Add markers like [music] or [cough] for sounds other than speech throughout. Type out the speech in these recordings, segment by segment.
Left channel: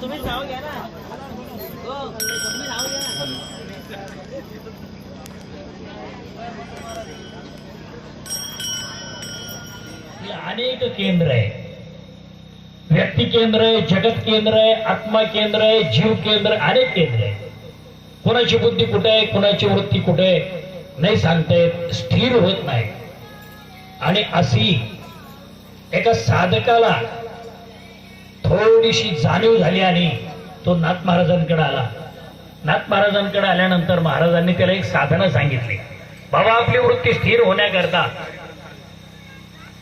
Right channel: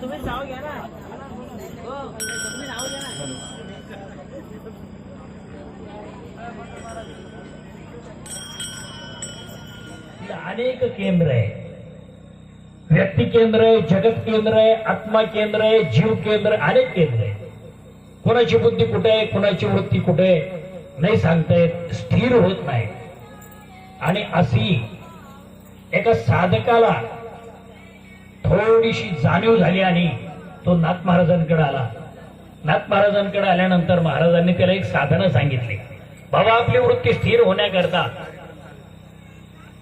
तुम्हीच नाव घ्या ना. हो तुम्ही नाव घ्या अनेक केंद्र आहे व्यक्ती केंद्र आहे जगत केंद्र आहे आत्मा केंद्र आहे जीव केंद्र अनेक केंद्र आहे कोणाची बुद्धी कुठे आहे कोणाची वृत्ती कुठे आहे नाही सांगता येत स्थिर होत नाही. आणि अशी एका साधकाला थोडीशी जाणीव झाली आणि तो नाथ महाराजांकडे आला. नाथ महाराजांकडे आल्यानंतर महाराजांनी त्याला एक साधनं सांगितली. बाबा आपली वृत्ती स्थिर होण्याकरता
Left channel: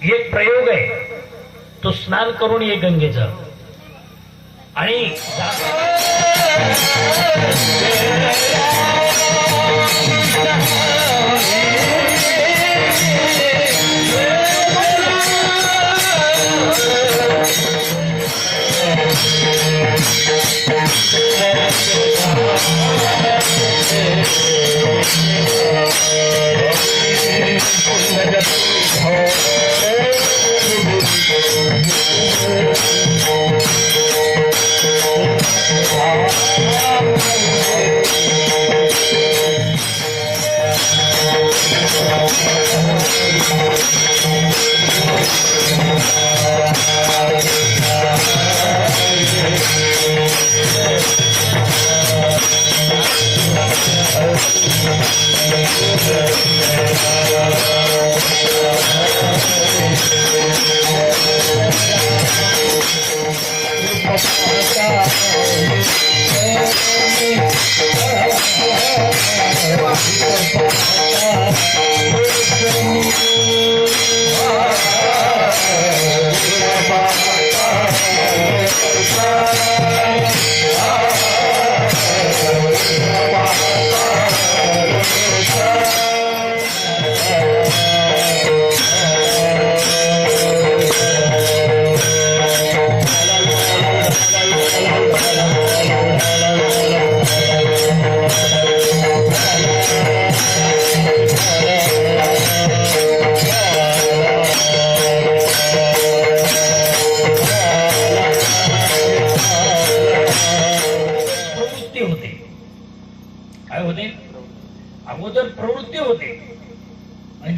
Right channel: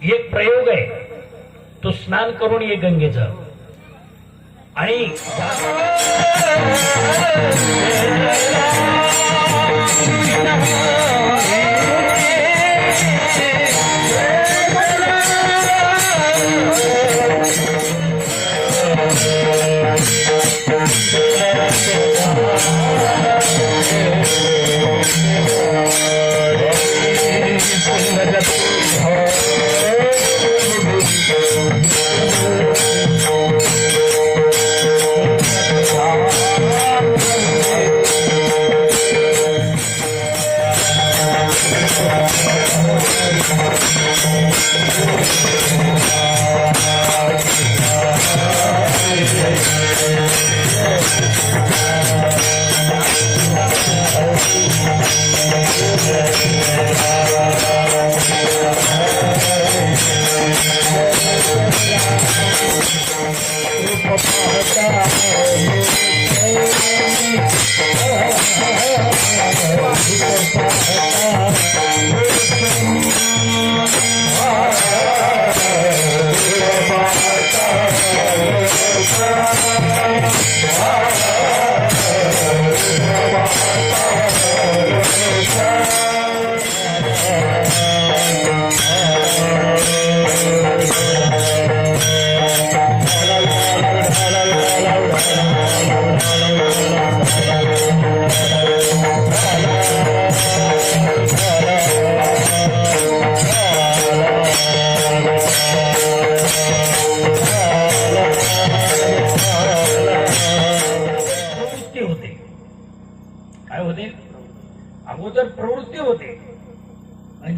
एक प्रयोग आहे. तो स्नान करून ये गंगेचं. आणि जा-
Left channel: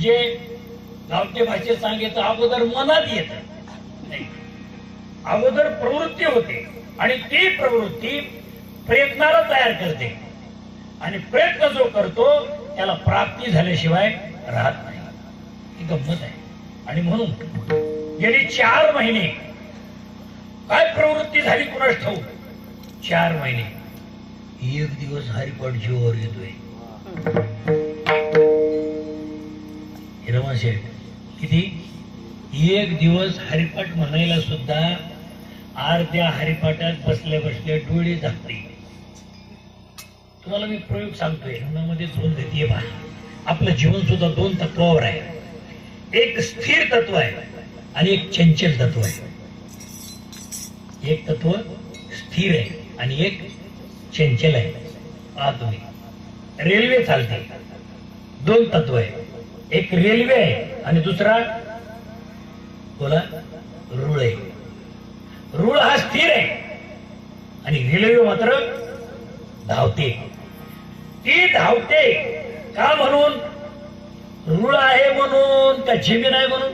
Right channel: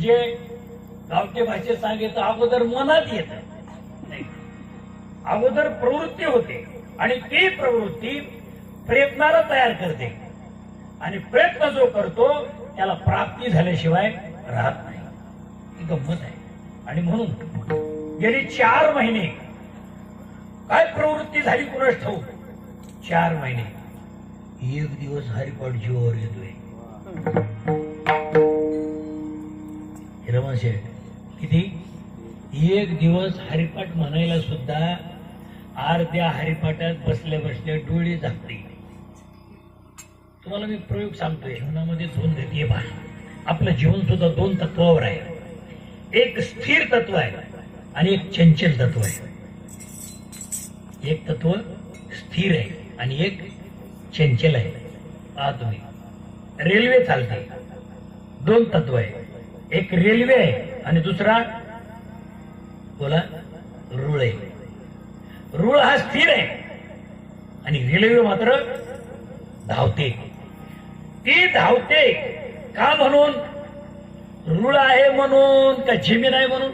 जे गावठी भाषेत सांगितलं अगोदर मनात येत. अगोदर प्रवृत्ती होते आणि ती प्रवृत्ती प्रयत्नाला तयार करते. आणि प्रयत्न जो करतो त्याला प्राप्ती झाल्याशिवाय राहत नाही. ही गंमत आहे. आणि म्हणून गेली चार महिने काय प्रवृत्ती झाली कुणाच ठाऊक? चार महिने. एक दिवस हरिपट जीवावर येतोय. वर्षे किती? एक दिवस हरिपाठ म्हणायला सुद्धा अर्ध्या हरिपाठात बसल्या बसल्या डोळे झाकते. तुम्हाला मी प्रयोग सांगतोयमध्ये दोन गती आहे आपलं जीवन सुद्धा दोन तत्वावर आहे. एक स्थिर तत्व आहे आणि एक चंचल तत्व आहे. एक तत्व स्थिर आहे आणि एक चंचल आहे. पहा तुम्ही रेल्वे चालते. दोन तत्व आहे. एक रेल्वे आहे आणि दुसरा बोला रुळ आहे. रुळ हा स्थिर आहे. आणि रेल्वे मात्र धावते. ती धावते का म्हणून? रुळ आहे म्हणून का जमीन आहे म्हणून?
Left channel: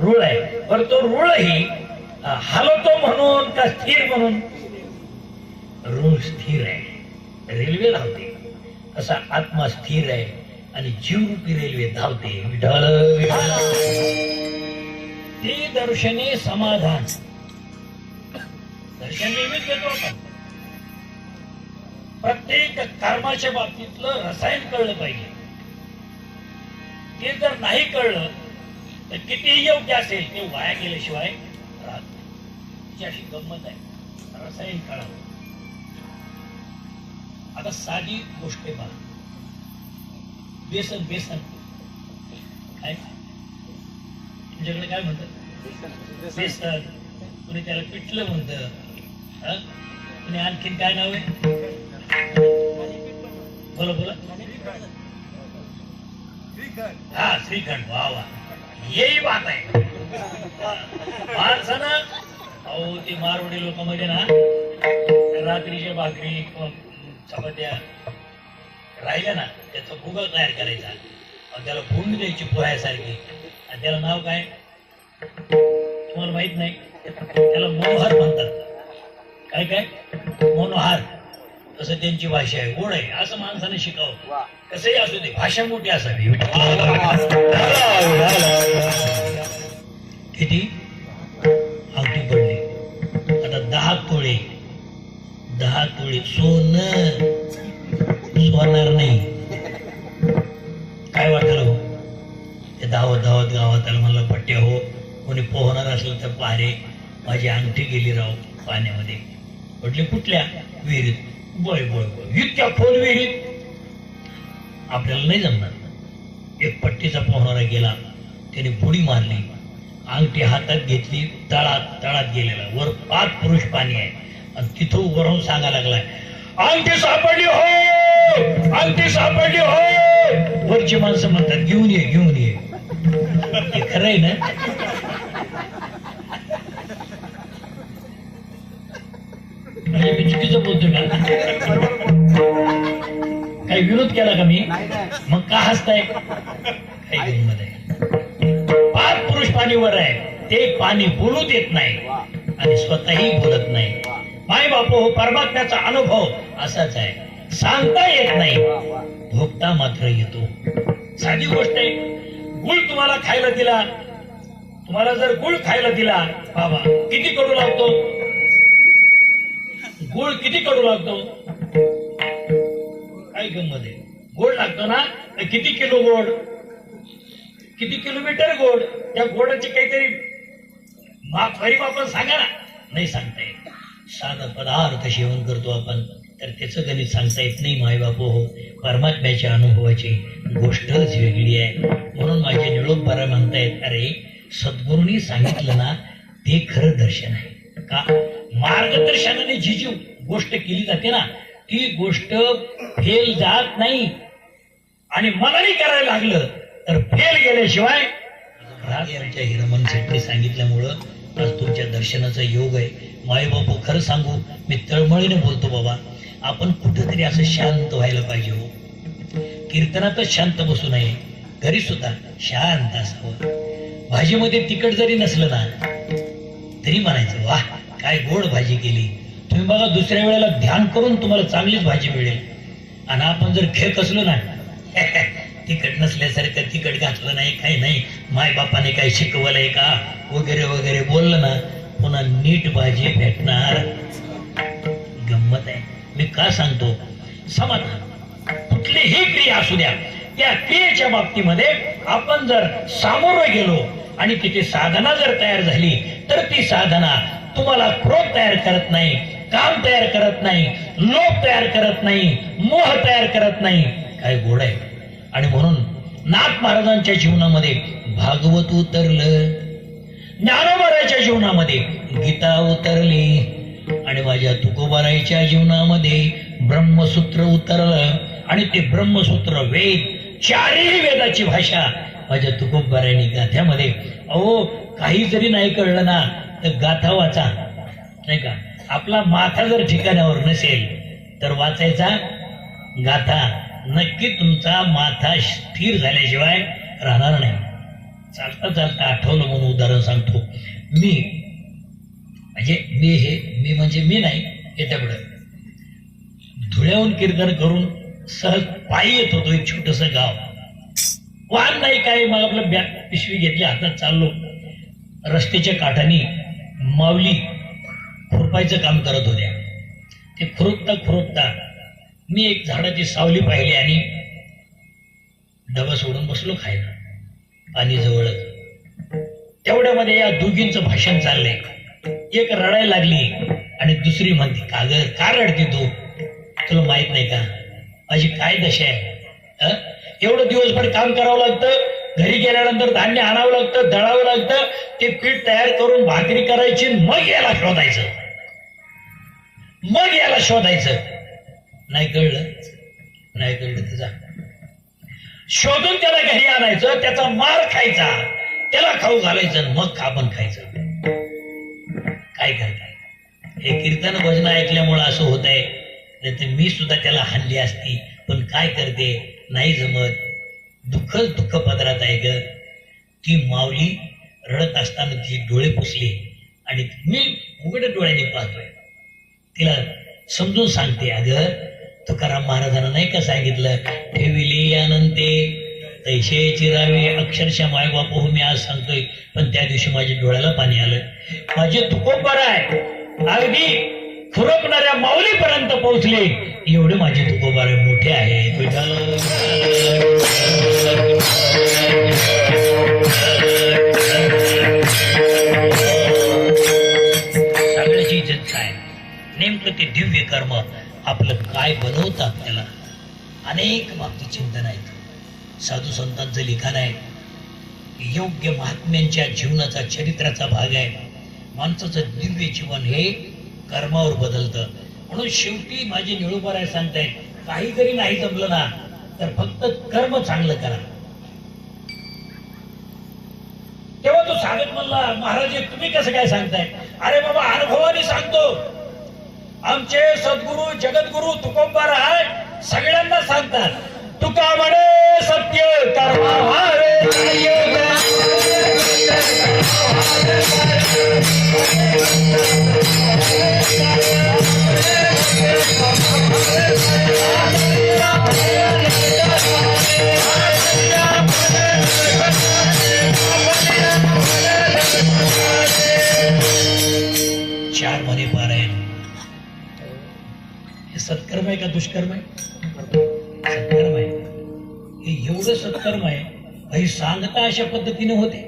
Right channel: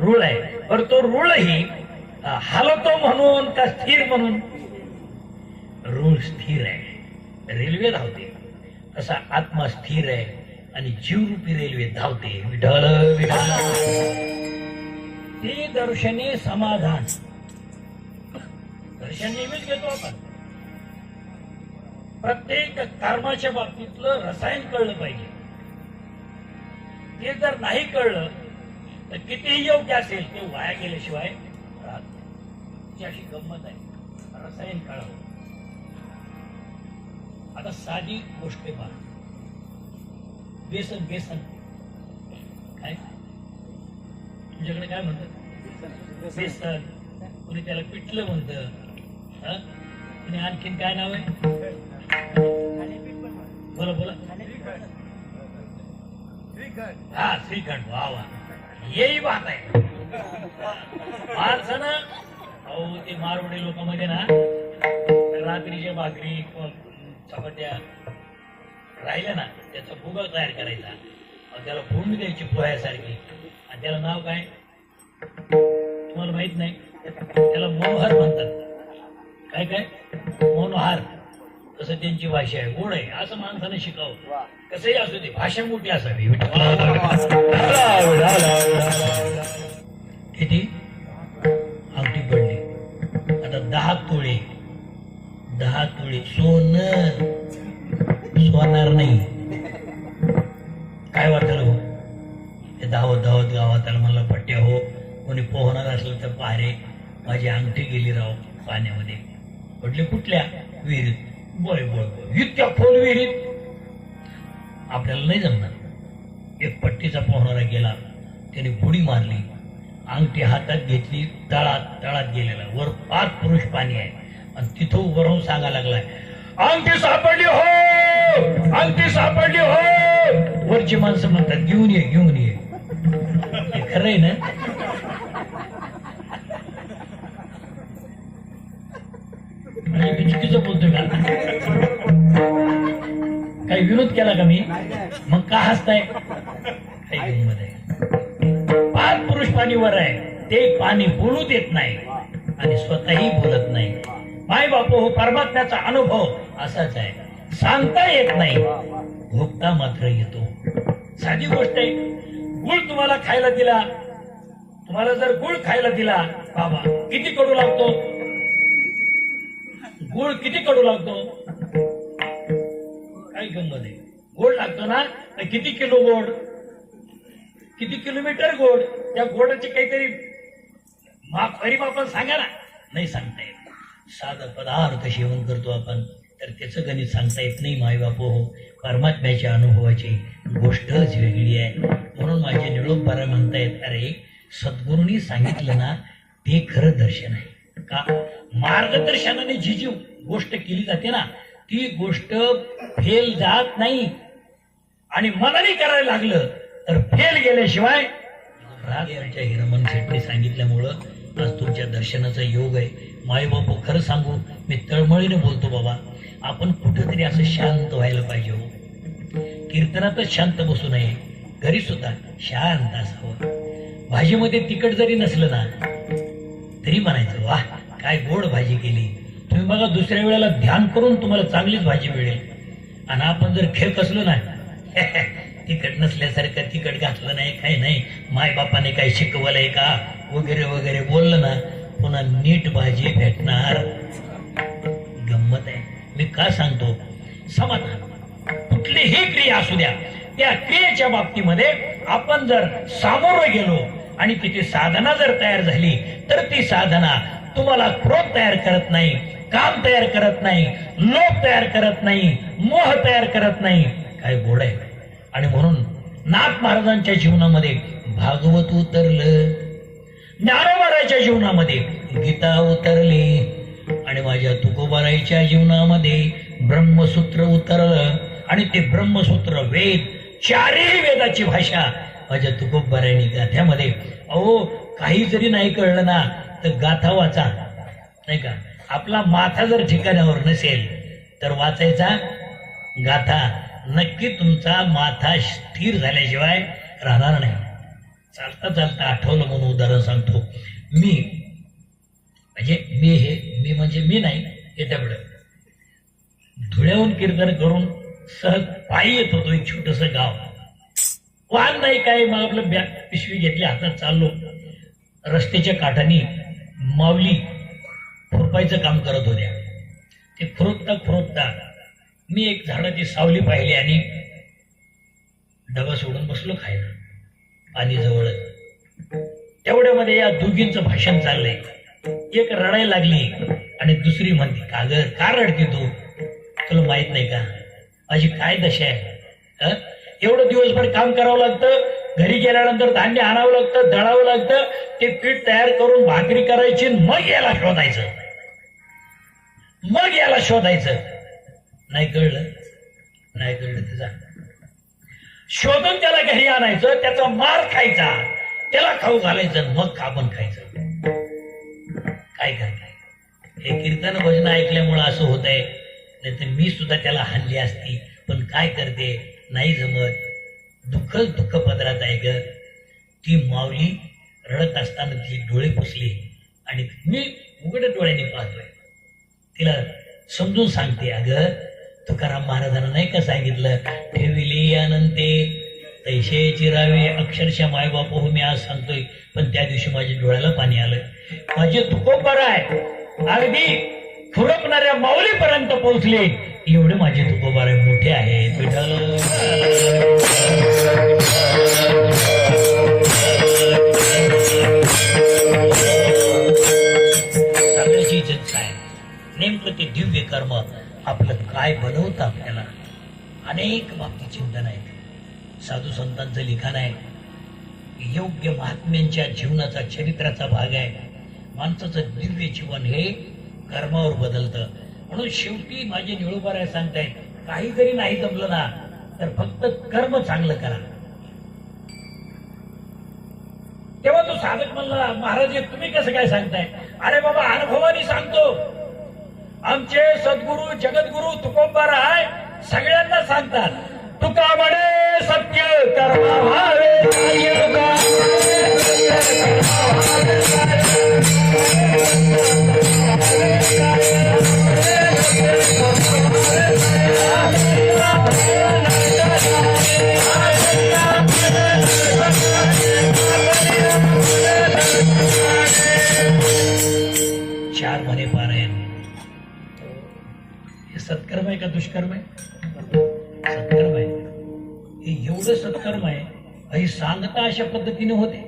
रुळ आहे. पर तो रुळही अ, हलतो म्हणून का स्थिर म्हणून? रुळ स्थिर आहे. रेल्वे धावते. असा आत्मा स्थिर आहे. आणि जीवरूपी रेल्वे धावते. विढळ विढळ ते दर्शने समाधान. दर्शन नेहमीच घेतो आपण. प्रत्येक कर्माच्या बाबतीतलं रसायन कळलं पाहिजे. ते जर नाही कळलं तर कितीही योग्य असेल ते वाया गेल्याशिवाय राहत नाही. तिची अशी गंमत आहे. रसायन कळावं. आता साधी गोष्ट आहे पहा. बेसन बेसन काय? तुमच्याकडे काय म्हणतात? बेसन कुणी त्याला पिठलं म्हणतं. कुणी आणखीन काय नाव आहे? बोला बोला. हा श्रीखंड. वा वा. यही बात आहे. माणसानं अहो ते मारवडी लोकांमध्ये ना रात्रीच्या भाकरी चपात्या राहिल्या ना त्याचा भुगा तयार करायचा. आणि त्याला भूमी द्यायची पोह्यासारखी आणि त्याला नाव काय? तुम्हाला माहीत नाही. त्याला मनोहार म्हणतात. काय काय? मनोहार. तसं त्यांची भाषा आहे. गोड आहे. असं माणसाने शिकावं. कसंही असू दे. भाषा मोठी असावी. किती? आवटी पडली. आता दहा तोळे. दहा तोळे. सोनं. धावत धावत गावात आलं मला पट्टे हो कोणी पोहणार असलं तर पारे. माझी अंगठी गेली राव पाण्यामध्ये. म्हटले कुठल्या? विहिरीत. बळ बळ बळ. इतक्या खोल विहिरीत? आपल्याला नाही जमणार. एक पट्टीचा पोहणारा गेला. त्याने बुडी मारली. अंगठी हातात घेतली तळात तळात गेलेला. वर पाच पुरुष पाणी आहे. आणि तिथं वरून सांगा लागलाय अंगठी सापडली हो! अंगठी सापडली हो! वरची माणसं म्हणतात घेऊन ये घेऊन ये. ते खरं आहे ना? मी चुकीचं बोलतो का? काही विरोध केला का मी? मग का हसताय? पाच पुरुष पाणीवर आहे. ते पाणी बोलू देत नाही आणि स्वतःही बोलत नाही. माय बापू हो परमात्म्याचा अनुभव असाच आहे. सांगता येत नाही. भोगता मात्र येतो. साधी गोष्ट आहे. गुळ तुम्हाला खायला दिला तुम्हाला जर गुळ खायला दिला बाबा किती कडू लागतो? गुळ किती कडू लागतो? काय गंमत आहे? गोड लागतो ना? तर किती किलो गोड? किती किलोमीटर गोड? त्या गोडाची काहीतरी माप खरी आपण सांगा ना. नाही सांगता येत. साधा पदार्थ सेवन करतो आपण तर त्याचं गणित सांगता येत नाही मायबापू. हो परमात्म्याच्या अनुभवाची गोष्टच वेगळी आहे. म्हणून माझे निळोबारा म्हणतायत अरे सद्गुरूंनी सांगितलं ना ते खरं दर्शन आहे. का? मार्गदर्शनाने जी जी गोष्ट केली जाते ना ती गोष्ट फेल जात नाही. आणि मनाने करायला लागलं तर फेल गेल्याशिवाय राग हिरमन शेट्टी सांगितल्यामुळं आज तुमच्या दर्शनाचा योग आहे. माय बापू खरं सांगू मी तळमळीने बोलतो बाबा. आपण कुठेतरी असं शांत व्हायला पाहिजे हो. कीर्तनातच शांत बसू नये. घरी सुद्धा शांत असावं. भाजीमध्ये तिखट जरी नसलं ना तरी म्हणायचं वा काय गोड भाजी केली. तुम्ही बघा दुसऱ्या वेळेला ध्यान करून तुम्हाला चांगलीच भाजी मिळेल. आणि आपण जर खेळ असलो ना [laughs] तिखट नसल्यासारखं तिखट घातलं नाही काही नाही. माय बापाने काही शिकवलंय का? वगैरे वगैरे बोललं ना पुन्हा नीट भाजी भेटणार. का सांगतो समाधान कुठलीही क्रिया असू द्या त्या क्रियेच्या बाबतीमध्ये आपण जर सामोरं गेलो आणि तिथे साधना जर तयार झाली तर ती साधना तुम्हाला क्रोध तयार करत नाही काम तयार करत नाही लोभ तयार करत नाही मोह तयार करत नाही. काय गोड आहे. आणि म्हणून नाथ महाराजांच्या जीवनामध्ये भागवत उतरलं. ज्ञानोबाराच्या जीवनामध्ये गीता उतरली. तुकोबाराईच्या जीवनामध्ये ब्रह्मसूत्र उतरलं आणि ते ब्रह्मसूत्र वेद चारही वेदाची भाषा माझ्या तुकोबारायणी गाथ्यामध्ये. अहो काही जरी नाही कळलं ना तर गाथा वाचा. नाही का? आपला माथा जर ठिकाणावर नसेल तर वाचायचा गाथा. नक्की तुमचा माथा स्थिर झाल्याशिवाय राहणार नाही. चालता चालता आठवलं म्हणून उदाहरण सांगतो. मी म्हणजे मी हे मी म्हणजे मी नाही येत्याकडे धुळ्याहून कीर्तन करून सहज पायी येत होतो एक छोटस गाव. वाहन नाही काय मग आपलं बॅग पिशवी घेतली हातात चाललो. रस्त्याच्या काठानी माऊली खुरपायचं काम करत होत्या. ते खुरपता खुरपता मी एक झाडाची सावली पाहिली आणि डबा सोडून बसलो खायला पाणी जवळच तेवढ्यामध्ये या दोघींचं भाषण चाललंय. एक रडायला लागली. आणि दुसरी म्हणते का ग का रडते तू? तुला माहीत नाही का? माझी काय दशा आहे? एवढं दिवसभर काम करावं लागतं घरी गेल्यानंतर धान्य आणावं लागतं दळावं लागतं ते पीठ तयार करून भाकरी करायची मग याला शोधायचं. मग याला शोधायचं. नाही कळलं? नाही कळलं त्याचा शोधून त्याला घरी आणायचं त्याचा मार खायचा त्याला खाऊ घालायचं मग आपण खायचं. काय करताय? हे कीर्तन भजन ऐकल्यामुळं असं होत आहे नाही तर मी सुद्धा त्याला हल्ली असती. पण काय करते? नाही जमत. दुःखच दुःख पदरात आहे ग. ती माऊली रडत असताना ती डोळे पुसले आणि मी उघड डोळ्याने पाहतोय. तिला समजून सांगते अगं तुकाराम महाराजांना नाही का सांगितलं? ठेविली अनंते तैसे चिरावे अक्षरशः माय बाप मी आज सांगतोय. पण त्या दिवशी माझ्या डोळ्याला पाणी आलं. माझे तुकोबर आहे अगदी खुरपणाऱ्या माऊलीपर्यंत पोहोचले. एवढे माझे तुकोबारे मोठे आहे सगळ्याची इज्जत काय नेमकं ते दिव्य कर्म आपलं काय बनवतं आपल्याला अनेक बाबतीत चिंतन आहेत. साधू संतांचं लिखाण आहे. योग्य महात्म्यांच्या जीवनाचा चरित्राचा भाग आहे. माणसाचं दिव्य जीवन हे कर्मावर बदलतं. म्हणून शेवटी माझे निळूबाराय सांगतायत काही जरी नाही जमलं ना तर फक्त कर्म चांगलं करा. तेव्हा तू सांगत म्हणला महाराज हे तुम्ही कसं काय सांगताय? अरे बाबा अनुभवाने सांगतो. आमचे सद्गुरु जगद्गुरु तुकोबार आहे सगळ्यांना सांगतात. सत्कर्म आहे? सत्कर्म आहे. हे एवढं सत्कर्म आहे अशी सांगता अशा पद्धतीने होते.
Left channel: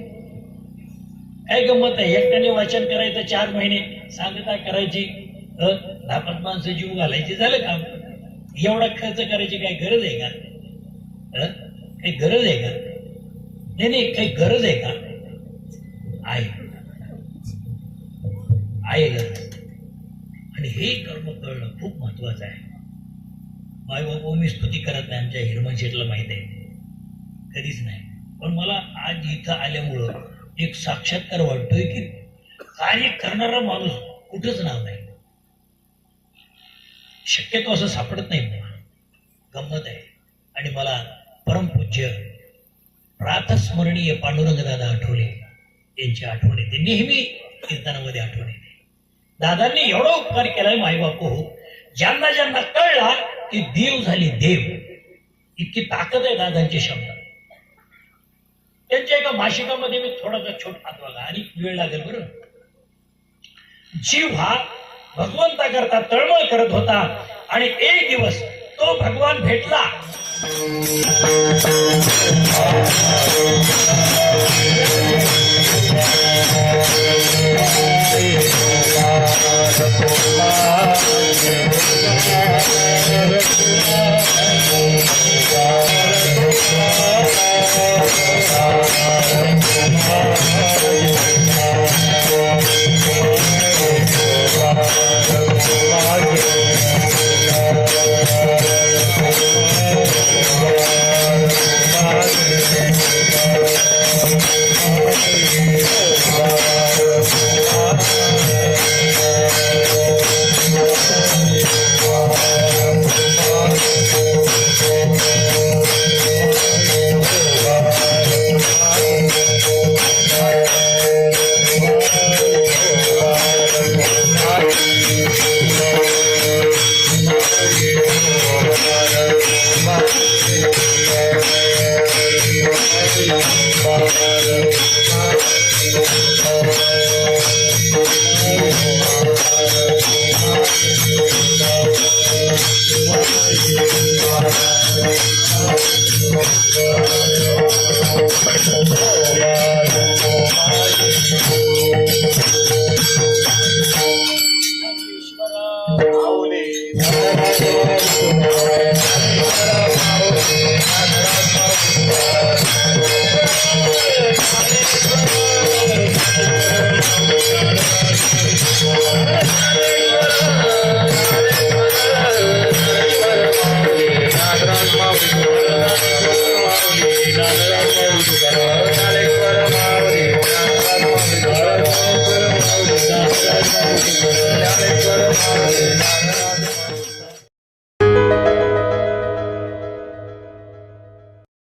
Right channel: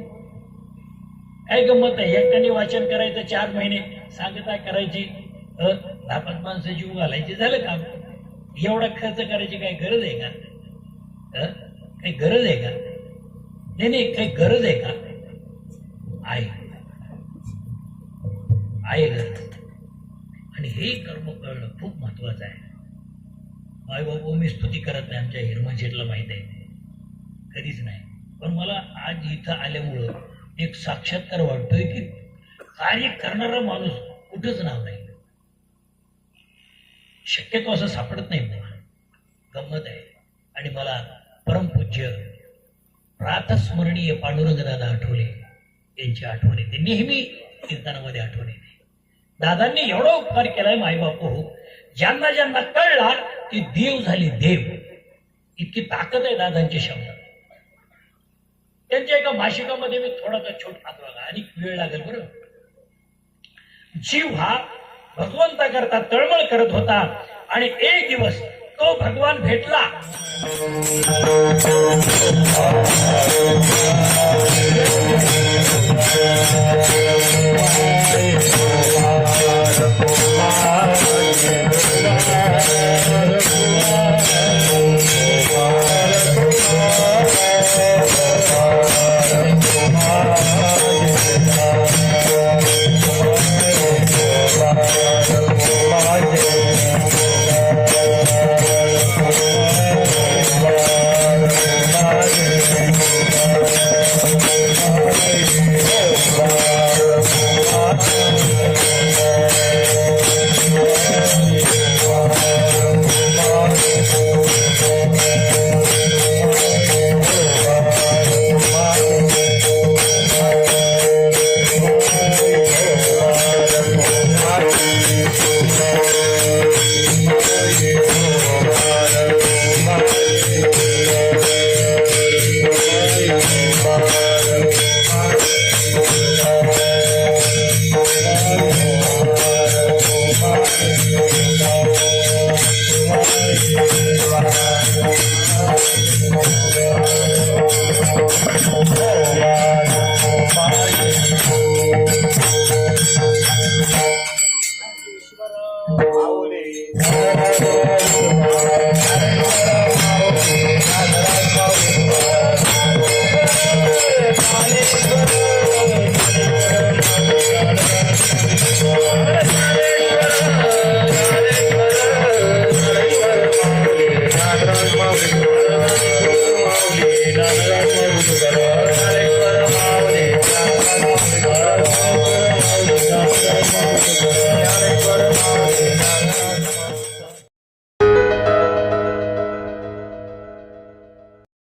काय गंमत आहे? एकट्याने वाचन करायचं चार महिने सांगता करायची लापात माणसं जीव घालायचे झालं काम. एवढा खर्च करायची काही गरज आहे का? काही गरज आहे का? नाही नाही काही गरज आहे का? आहे. आहे गरज. आणि हे कर्म कळणं खूप महत्वाचं आहे. माय हो, मी स्तुती करत नाही आमच्या हिरमन शेठला माहीत आहे. कधीच नाही. पण मला आज इथं आल्यामुळं एक साक्षात्कार वाटतोय की कार्य करणारा माणूस कुठंच नाव नाही. शक्यतो असं सापडत नाही मला. गंमत आहे. आणि मला परमपूज्य प्रातस्मरणीय पांडुरंग दादा आठवले. यांची आठवण येते. नेहमी कीर्तनामध्ये आठवण येते. दादांनी एवढा उपकार केलाय माईबापू. ज्यांना ज्यांना कळला ती देव झाली देव. इतकी ताकद आहे दादांच्या शब्दात. त्यांच्या एका भाषिकामध्ये मी थोडासा छोट हात बघा. आणि वेळ लागेल बरं. जीव हा भगवंता करता तळमळ करत होता आणि एक दिवस तो भगवान भेटला.